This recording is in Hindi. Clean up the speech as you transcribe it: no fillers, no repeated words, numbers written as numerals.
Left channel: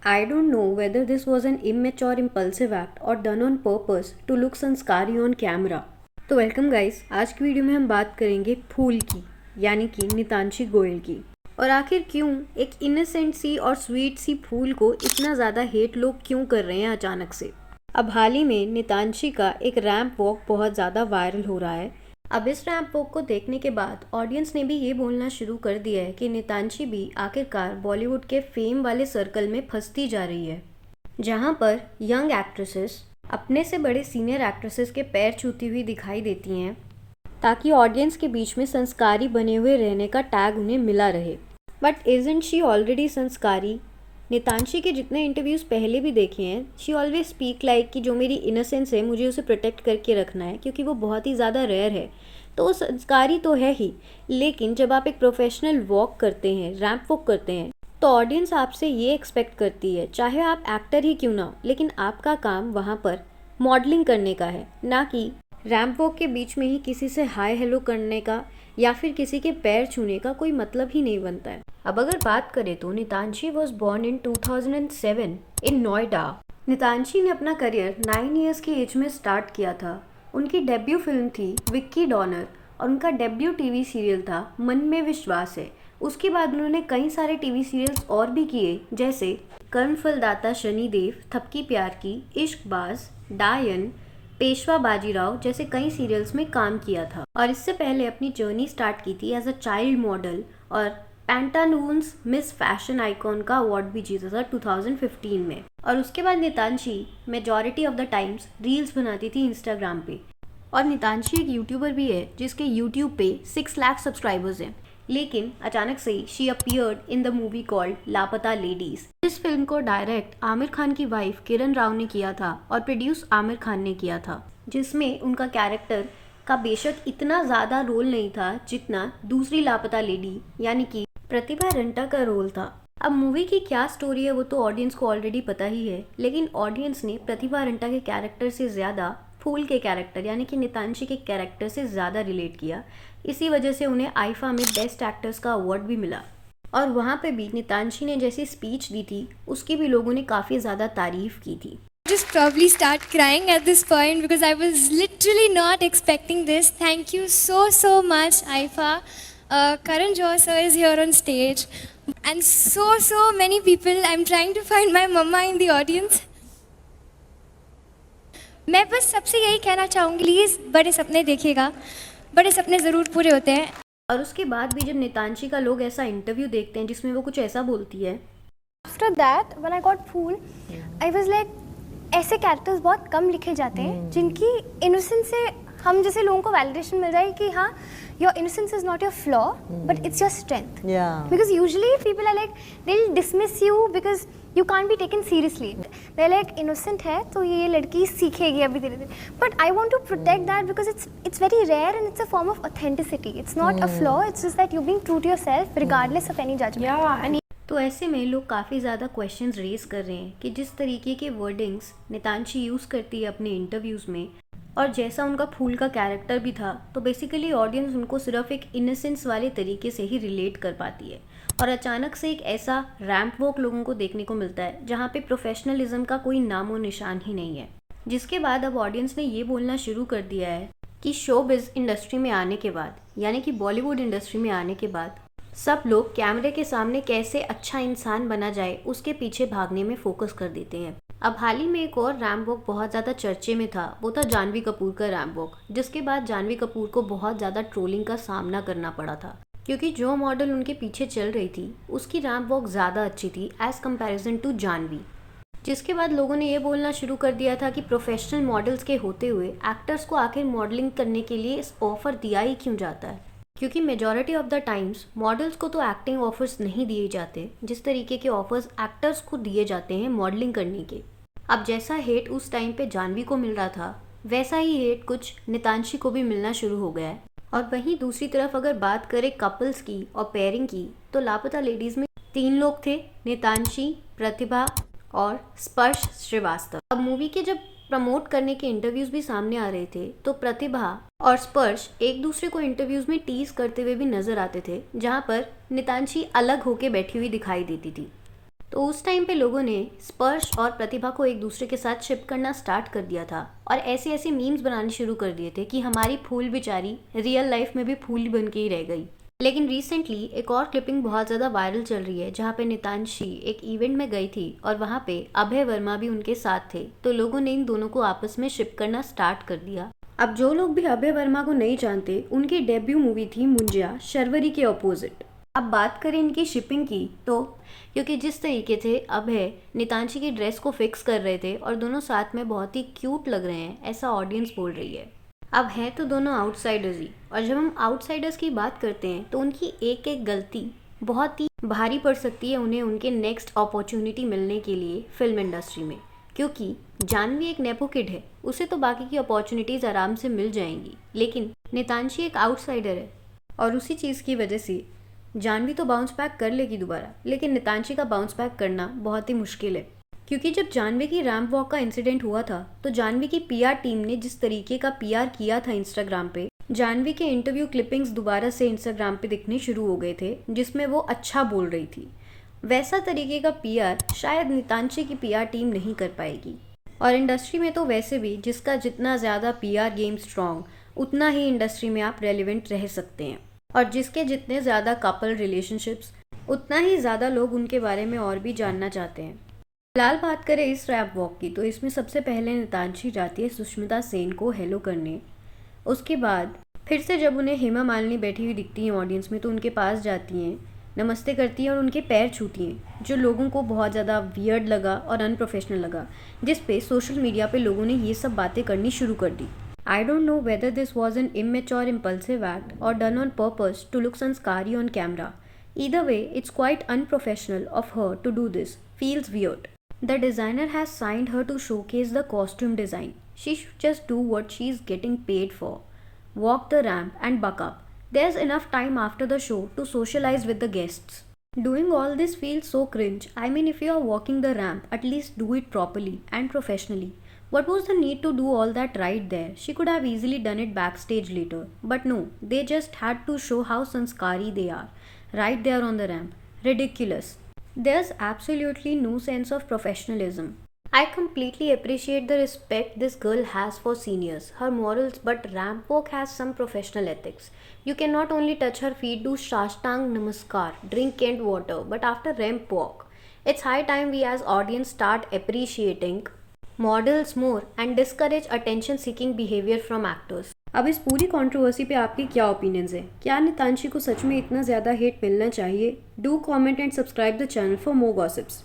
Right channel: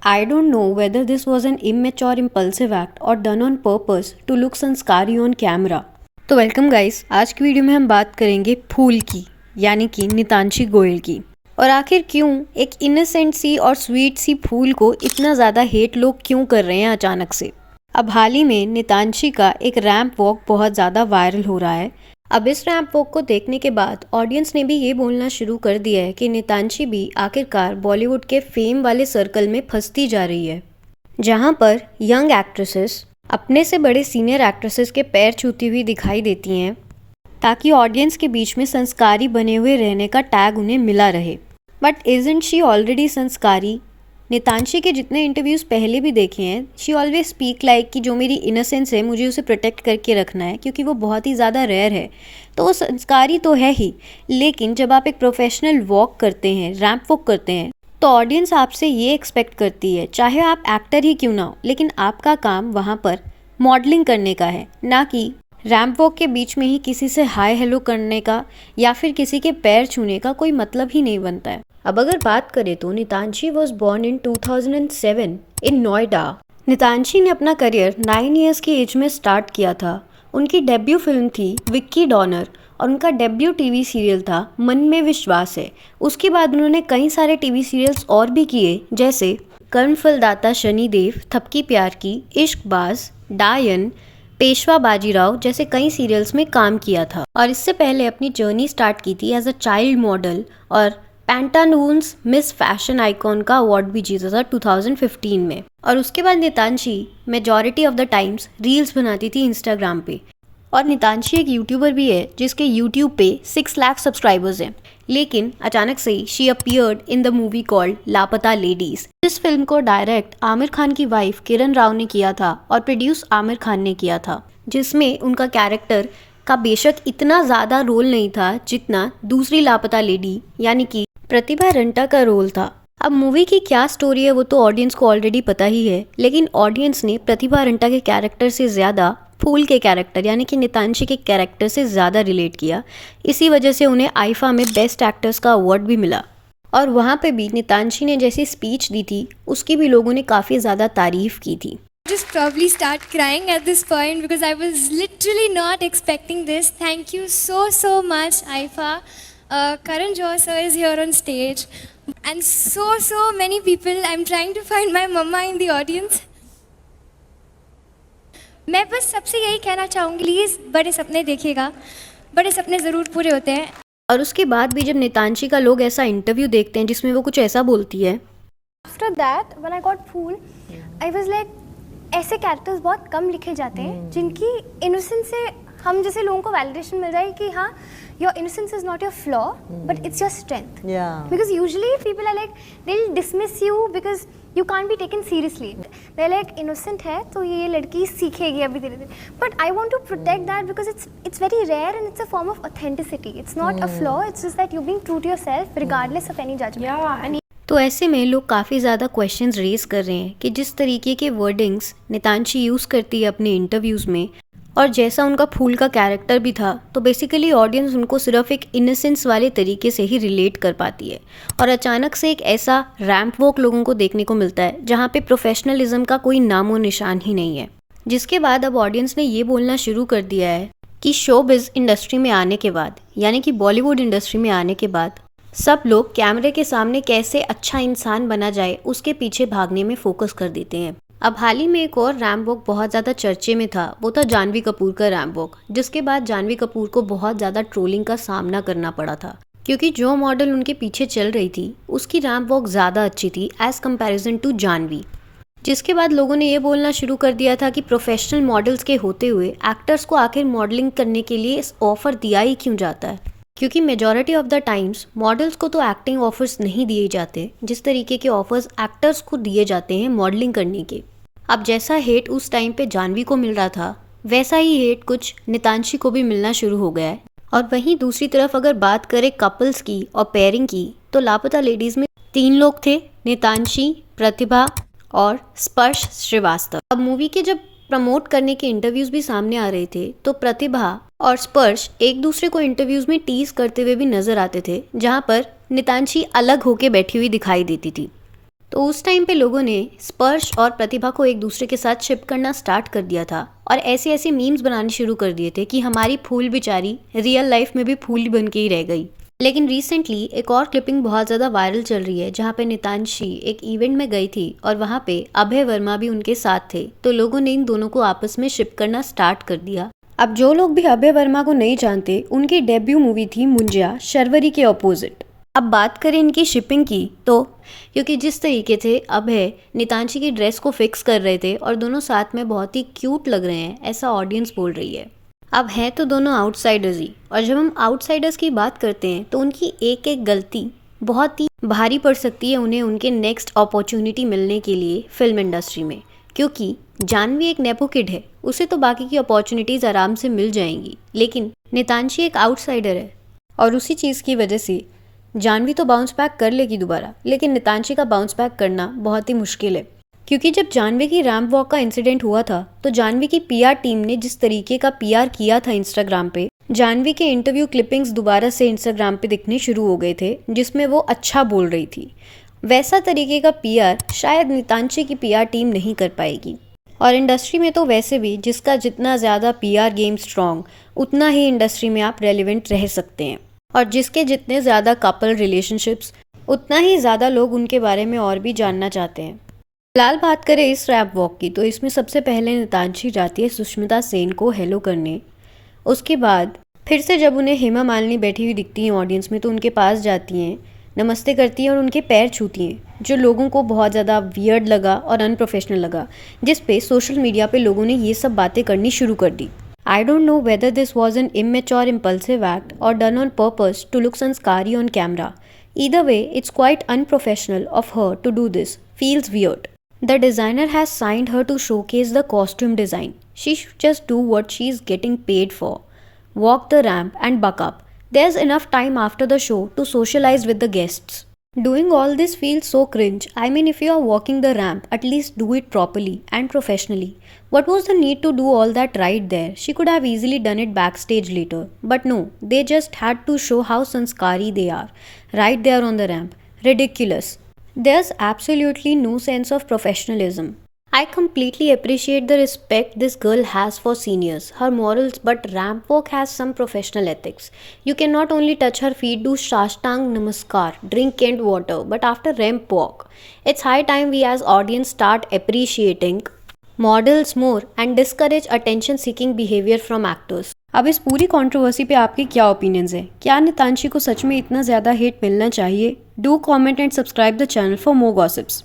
I don't know whether this was an immature impulsive act or done on purpose to look संस्कारी on camera. तो वेलकम गाइस, आज की वीडियो में हम बात करेंगे फूल की, यानी कि नितांशी गोयल की। और आखिर क्यों एक इनोसेंट सी और स्वीट सी फूल को इतना ज़्यादा हेट लोग क्यों कर रहे हैं अचानक से। अब हाल ही में नितांशी का एक रैंप वॉक बहुत ज़्यादा वायरल हो रहा है। अब इस रैंप वॉक को देखने के बाद ऑडियंस ने भी ये बोलना शुरू कर दिया है कि नितांशी भी आखिरकार बॉलीवुड के फेम वाले सर्कल में फंसती जा रही है, जहाँ पर यंग एक्ट्रेसेस अपने से बड़े सीनियर एक्ट्रेसेस के पैर छूती हुई दिखाई देती हैं, ताकि ऑडियंस के बीच में संस्कारी बने हुए रहने का टैग उन्हें मिला रहे। बट इजंट शी ऑलरेडी संस्कारी? नितांशी के जितने इंटरव्यूज़ पहले भी देखे हैं, शी ऑलवेज स्पीक लाइक कि जो मेरी इनोसेंस है मुझे उसे प्रोटेक्ट करके रखना है, क्योंकि वो बहुत ही ज़्यादा रेयर है। तो वो संस्कारी तो है ही, लेकिन जब आप एक प्रोफेशनल वॉक करते हैं, रैंप वॉक करते हैं, तो ऑडियंस आपसे ये एक्सपेक्ट करती है, चाहे आप एक्टर ही क्यों ना हो, लेकिन आपका काम वहाँ पर मॉडलिंग करने का है, ना कि रैंप वॉक के बीच में ही किसी से हाय हेलो करने का या फिर किसी के पैर छूने का कोई मतलब ही नहीं बनता है। अब अगर बात करें तो नितांशी वॉज बॉर्न इन 2007 इन नोएडा। नितांशी ने अपना करियर 9 ईयर्स की एज में स्टार्ट किया था। उनकी डेब्यू फिल्म थी विक्की डॉनर और उनका डेब्यू टीवी सीरियल था मन में विश्वास है। उसके बाद उन्होंने कई सारे टीवी सीरियल्स और भी किए, जैसे कर्णफलदाता शनिदेव, थपकी प्यार की, इश्कबाज, डायन, पेशवा बाजीराव जैसे कई सीरियल्स में काम किया था। और इससे पहले अपनी जर्नी स्टार्ट की थी एज अ चाइल्ड मॉडल और पैंटालून्स मिस फैशन आइकॉन का अवार्ड भी जीता था 2015 में। और उसके बाद Nitanshi majority of the times reels बनाती थी इंस्टाग्राम पे। और नितांशी एक यूट्यूबर भी है जिसके यूट्यूब पे 6 लाख सब्सक्राइबर्स हैं। लेकिन अचानक से she appeared in the movie called लापता लेडीज। इस फिल्म को डायरेक्ट आमिर खान की वाइफ किरण राव ने किया था और प्रोड्यूस आमिर खान ने किया था, जिसमें उनका कैरेक्टर का बेशक इतना ज़्यादा रोल नहीं था जितना दूसरी लापता लेडी यानी कि प्रतिभा रंटा का रोल था। अब मूवी की क्या स्टोरी है वो तो ऑडियंस को ऑलरेडी पता ही है, लेकिन ऑडियंस ने प्रतिभा रंटा के कैरेक्टर से ज़्यादा फूल के कैरेक्टर यानी कि नितांशी के कैरेक्टर से ज़्यादा रिलेट किया। इसी वजह से उन्हें आईफा में बेस्ट एक्टर्स का अवार्ड भी मिला। और वहाँ पे भी नितांशी ने जैसी स्पीच दी थी उसकी भी लोगों ने काफ़ी ज़्यादा तारीफ़ की थी। Just probably start crying at this point because I was literally not expecting this. Thank you so much, Aifa. Karan Johar sir is here on stage, and so many people. I'm trying to find my mama in the audience. मैं बस सबसे यही कहना चाहूँगी, प्लीज़ बड़े सपने देखिएगा, बड़े सपने ज़रूर पूरे होते हैं। और उसके बाद भी जब नितांशी का लोग ऐसा इंटरव्यू देखते हैं जिसमें वो कुछ ऐसा बोलती है, After that, when I got Fool, I was like, ऐसे कैरेक्टर्स बहुत कम लिखे जाते हैं जिनकी इनोसेंस से हम जैसे लोगों को वैलिडेशन मिल जाए कि हाँ, your innocence is not your flaw but it's your strength. Because usually people are like they will dismiss you because you can't be taken seriously. They like innocent है तो ये लड़की सीखेगी अभी धीरे धीरे, but I want to protect that because it's very rare and it's a form of authenticity. It's not a flaw, it's just that you being true to yourself regardless of any judgement. तो ऐसे में लोग काफ़ी ज़्यादा क्वेश्चंस रेज कर रहे हैं कि जिस तरीके के वर्डिंग्स नितांशी यूज़ करती है अपने इंटरव्यूज़ में और जैसा उनका फूल का कैरेक्टर भी था, तो बेसिकली ऑडियंस उनको सिर्फ एक इनोसेंस वाले तरीके से ही रिलेट कर पाती है। और अचानक से एक ऐसा रैंप वॉक लोगों को देखने को मिलता है जहाँ पे प्रोफेशनलिज्म का कोई नामो निशान ही नहीं है। जिसके बाद अब ऑडियंस ने ये बोलना शुरू कर दिया है कि शोबिज़ इंडस्ट्री में आने के बाद, यानी कि बॉलीवुड इंडस्ट्री में आने के बाद, सब लोग कैमरे के सामने कैसे अच्छा इंसान बना जाए उसके पीछे भागने में फोकस कर देते हैं। अब हाल ही में एक और रैंप वॉक बहुत ज़्यादा चर्चे में था, वो था जानवी कपूर का रैंप वॉक, जिसके बाद जानवी कपूर को बहुत ज़्यादा ट्रोलिंग का सामना करना पड़ा था, क्योंकि जो मॉडल उनके पीछे चल रही थी उसकी रैंप वॉक ज़्यादा अच्छी थी एज़ कम्पेरिजन टू जानवी। जिसके बाद लोगों ने ये बोलना शुरू कर दिया था कि प्रोफेशनल मॉडल्स के होते हुए एक्टर्स को आखिर मॉडलिंग करने के लिए इस ऑफ़र दिया ही क्यों जाता है, क्योंकि majority of the times models को तो एक्टिंग ऑफर्स नहीं दिए जाते जिस तरीके के ऑफर्स एक्टर्स को दिए जाते हैं मॉडलिंग करने के। अब जैसा हेट उस टाइम पे जानवी को मिल रहा था, वैसा ही हेट कुछ नितांशी को भी मिलना शुरू हो गया है। और वहीं दूसरी तरफ अगर बात करें कपल्स की और पेयरिंग की, तो लापता लेडीज़ में 3 लोग थे, नितांशी, प्रतिभा और स्पर्श श्रीवास्तव। अब मूवी के जब प्रमोट करने के इंटरव्यूज़ भी सामने आ रहे थे तो प्रतिभा और स्पर्श एक दूसरे को इंटरव्यूज़ में टीज करते हुए भी नजर आते थे, जहां पर नितांशी अलग होके बैठी हुई दिखाई देती थी। तो उस टाइम पे लोगों ने स्पर्श और प्रतिभा को एक दूसरे के साथ शिप करना स्टार्ट कर दिया था और ऐसे ऐसे मीम्स बनाने शुरू कर दिए थे कि हमारी फूल बेचारी रियल लाइफ में भी फूल बन के ही रह गई। लेकिन रिसेंटली एक और क्लिपिंग बहुत ज़्यादा वायरल चल रही है जहाँ पे नितांशी एक इवेंट में गई थी और वहाँ पे अभय वर्मा भी उनके साथ थे। तो लोगों ने इन दोनों को आपस में शिप करना स्टार्ट कर दिया। अब जो लोग भी अभय वर्मा को नहीं जानते, उनकी डेब्यू मूवी थी मुंजिया शर्वरी के ऑपोजिट। अब बात करें इनकी शिपिंग की तो क्योंकि जिस तरीके से अभय नितांशी की ड्रेस को फिक्स कर रहे थे और दोनों साथ में बहुत ही क्यूट लग रहे हैं, ऐसा ऑडियंस बोल रही है। अब हैं तो दोनों आउटसाइडर्स ही, और जब हम आउटसाइडर्स की बात करते हैं तो उनकी एक एक गलती बहुत ही भारी पड़ सकती है उन्हें उनके नेक्स्ट अपॉर्चुनिटी मिलने के लिए फिल्म इंडस्ट्री में। क्योंकि जानवी एक नेपो किड है, उसे तो बाकी की अपॉर्चुनिटीज़ आराम से मिल जाएंगी, लेकिन नितांशी एक आउटसाइडर है और उसी चीज़ की वजह से जानवी तो बाउंस बैक कर लेगी दोबारा, लेकिन नितांशी का बाउंस बैक करना बहुत ही मुश्किल है। क्योंकि जब जानवी की रैंप वॉक का इंसिडेंट हुआ था तो जानवी की पीआर टीम ने जिस तरीके का पीआर किया था इंस्टाग्राम पे, जानवी के इंटरव्यू क्लिपिंग्स दोबारा से इंस्टाग्राम पे दिखने शुरू हो गए थे जिसमें वो अच्छा बोल रही थी। वैसा तरीके का पीआर शायद नितांशी की पीआर टीम नहीं कर पाएगी। और इंडस्ट्री में तो वैसे भी जिसका जितना ज़्यादा पीआर गेम स्ट्रॉन्ग, उतना ही इंडस्ट्री में आप रेलिवेंट रह सकते हैं, और जिसके जितने ज़्यादा कपल रिलेशनशिप्स, उतना ही ज़्यादा लोग उनके बारे में और भी जानना चाहते हैं। फिलहाल बात करें इस रैप वॉक की तो इसमें सबसे पहले नितांशी जाती है सुष्मिता सेन को हेलो करने। उसके बाद फिर से जब उन्हें हेमा मालिनी बैठी हुई दिखती हैं ऑडियंस में तो उनके पास जाती हैं, नमस्ते करती हैं और उनके पैर छूती हैं, जो लोगों को बहुत ज़्यादा वियर्ड लगा और अनप्रोफेशनल लगा, जिस पे सोशल मीडिया पे लोगों ने ये सब बातें करनी शुरू कर दी। I don't know whether this was an immature impulsive act or done on purpose to look sanskari on camera. Either way, it's quite unprofessional of her to do this. Feels weird. The designer has signed her to showcase the costume design. She should just do what she's getting paid for. Walk the ramp and buck up. There's enough time after the show to socialize with the guests. Doing all this feels so cringe. I mean, if you are walking the ramp, at least do it properly and professionally. What was the need to do all that right there? She could have easily done it backstage later. But no, they just had to show how sanskari they are. Right there on the ramp. Ridiculous. There's absolutely no sense of professionalism. I completely appreciate the respect this girl has for seniors, her morals, but ramp walk has some professional ethics. You can not only touch her feet, do Shashtang Namaskar, drink canned water, but after ramp walk, it's high time we as audience start appreciating models more and discourage attention seeking behavior from actors. अब इस पूरी कंट्रोवर्सी पे आपके क्या ओपिनियंस हैं? क्या नितांशी को सच में इतना ज़्यादा हेट मिलना चाहिए? Do comment and subscribe the channel for more gossips.